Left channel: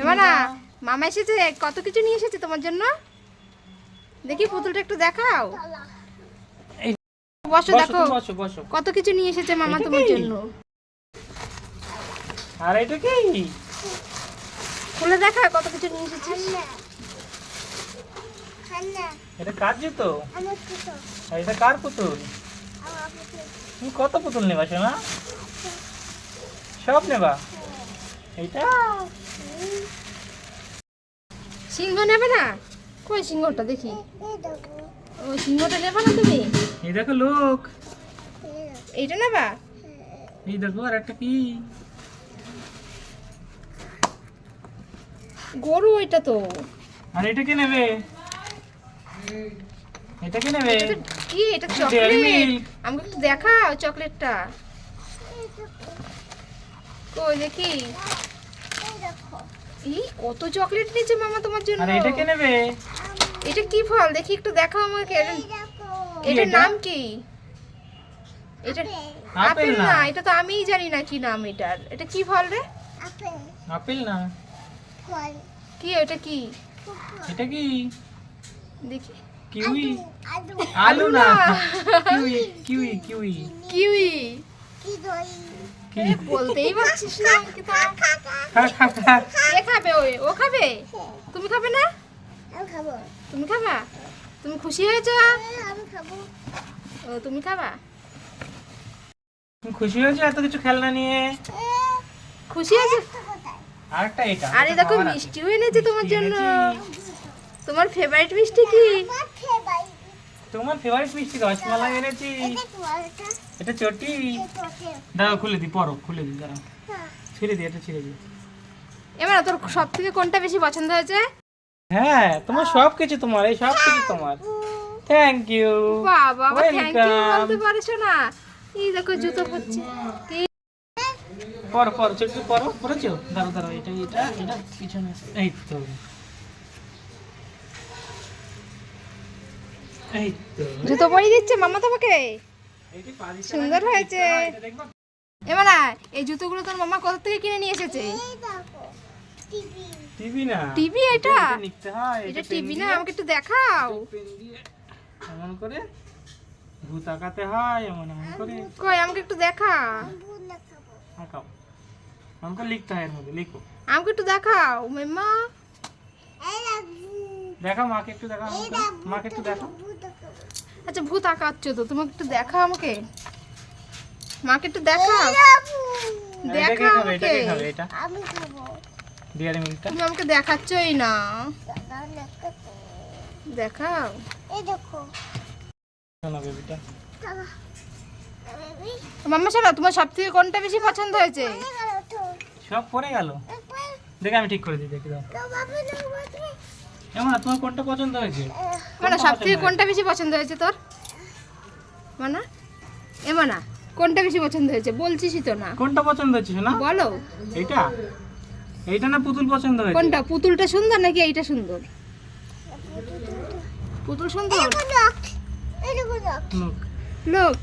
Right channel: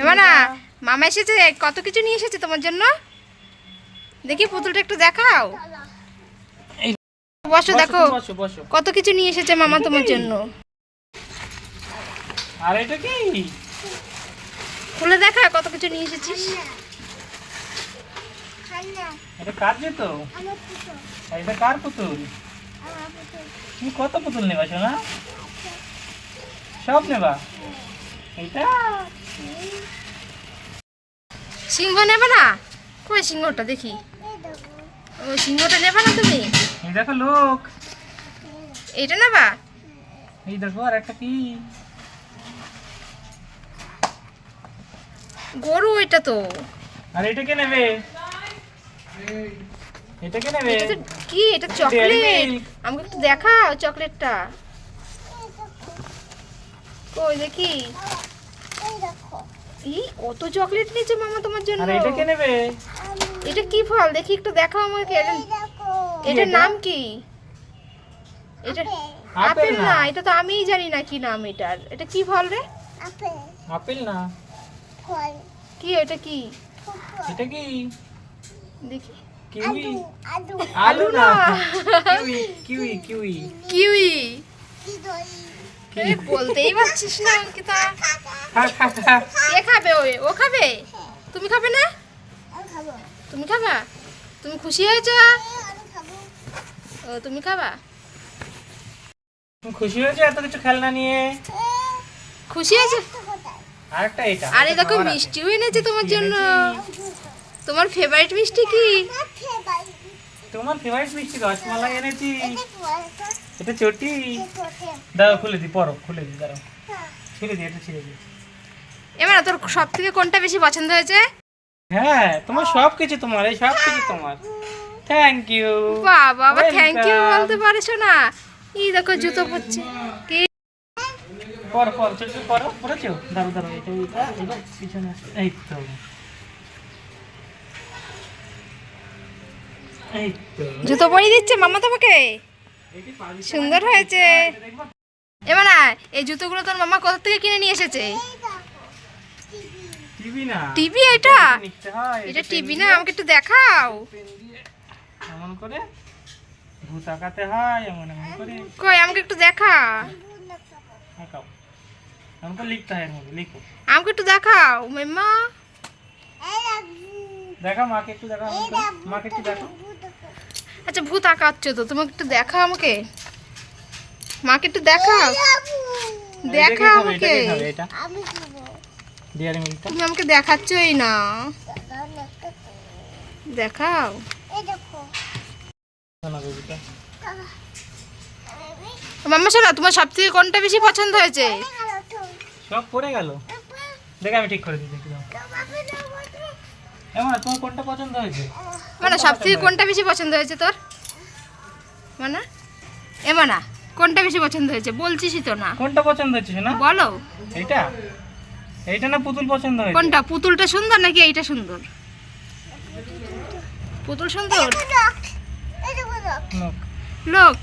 এমানা মামা এসেছে, কত কিছু নিয়ে এসেছে তোমার জন্য। দেখি পুতুলটা একটু দেখাও। বসো, দেখো কত কিছু নিয়ে এসেছে মামা তোমার জন্য। আর এটা কি? খুলে দেখা কত কিছু নিয়ে এসেছিস। এটা কার জুতো? আর এটা কার পুতুল? তুমি কত পুতুল নেবা সোনা? সব নেবা? এইটা সিংহ নেবে না? কই সিংহটা দেখি। ওই সিংহটা নেবে না তুমি? এই দেখো লোক। এইটা নেবা? এই দেখো আর একটা কি? গরু এটা তো। আর এটা কে নেবে? এটা কে নেবে? এটা কি? এটা চকলেট। আমাকে একটু দেখাও চকলেটটা। কই দেখি। এই কত চকলেট নিয়েছে মামা তোমার জন্য। আর এটা কে নেবে? এটা কি ফল দেখি একটু দেখাও আমাকে। এটার নাম কি? এটা আপেল না, এটা তো আমিই জানি না কি নাম এটার। এটা কি ফল রে? আপেল না। কি এটা কি? এটা কি? দেখি। কিউই। আলু না। Kiwi kiwi kiwi. কিউই। বলতেই পারছিস না অঙ্কিতা। কে খাবে? ও খাবে? তুমি খাবে না? তুমি খাবা? তুমি খুশি হয়েছ? ও তুমি খাবা? তুমি খুশি হয়েছে এত কিছু খেলনা নিয়ে? খুশি হয়েছে? আরেকটা এটা। আরে দেখো মিষ্টিও এনেছে তোমার জন্য। তোমার ফেভারিট মিষ্টি কি? তোমার ফেভারিট মিষ্টি রসমালাই এনেছি। এটা চটি। দাঁড়াও খুলে দিই, পরো খুলে দিই, দাঁড়াও ছিঁড়ে দিই, এটা ছিঁড়ে দিই। এবার তোর সব থেকে কোনটা বেশি পছন্দ হয়েছে? হ্যাঁ তোমার সব কিছু, তোমার এই সব কিছু তোমার। Thank you. বাবা আবার থ্যাংক ইউ বলতে পারছো না। এই দেখো জুতো পরছে কি। পর পর চটি পরো, পরেছো? দাঁড়াও দাঁড়াও, এটা এটা এটা পিছনে এই তো। এই তো জুতো পরিয়ে দিচ্ছে মামা তোমাকে। সুন্দর হয়েছে। এবার এই জুতোগুলো তোর মামা কোথা থেকে কিনে নিয়ে এসেছে? টিভি না। টিভি এটা? নিতে হয়। এটা টিভি না, আমাকে একটু দেখাও। পেন দিয়ে এমন করে ভূত আঁকাতে হয়, এমন এমন করে। কই আমাকে একটু দেখা। আঁকাও, এমন করে লিখতে হয়, এর মধ্যে লিখো। আমাকে একটু দেখাও মাম্মা। দেখাও মাকে একটু, দেখাও মাকে একটু দেখাও। আচ্ছা ভূত আঁকাচ্ছ তো, তোমাকে একটু দেখাও আমাকে। মাকে একটু দেখাও। দেখাও আমাকে। এটা ডিয়ারি মিল্কটা তুমি আমাকে দেখাচ্ছই না। দেখাও। শোনা বেবিটা। মাম্মা শোনো, তোমার সব থেকে কোনটা বেশি পছন্দ হয়েছে? সব পড়ে গেল। দেখে আমি ঠিক করে দিই, দেখি দাও। এমন তোমার কোনটা পছন্দ হয়েছে? মানে সব থেকে কোনটা বেশি পছন্দ হয়েছে তোর? মানে এমানা কোনটা বেশি পছন্দ হয়েছে? বলছিসই তো না। কোনটা পছন্দ হচ্ছে না বলো। এইটা? এইটা না পুতুল পছন্দ হয়েছে? কোনটা? পুতুলটা সুন্দর নাকি এইটা সুন্দর? পুতুল সুন্দর। হুম। লোক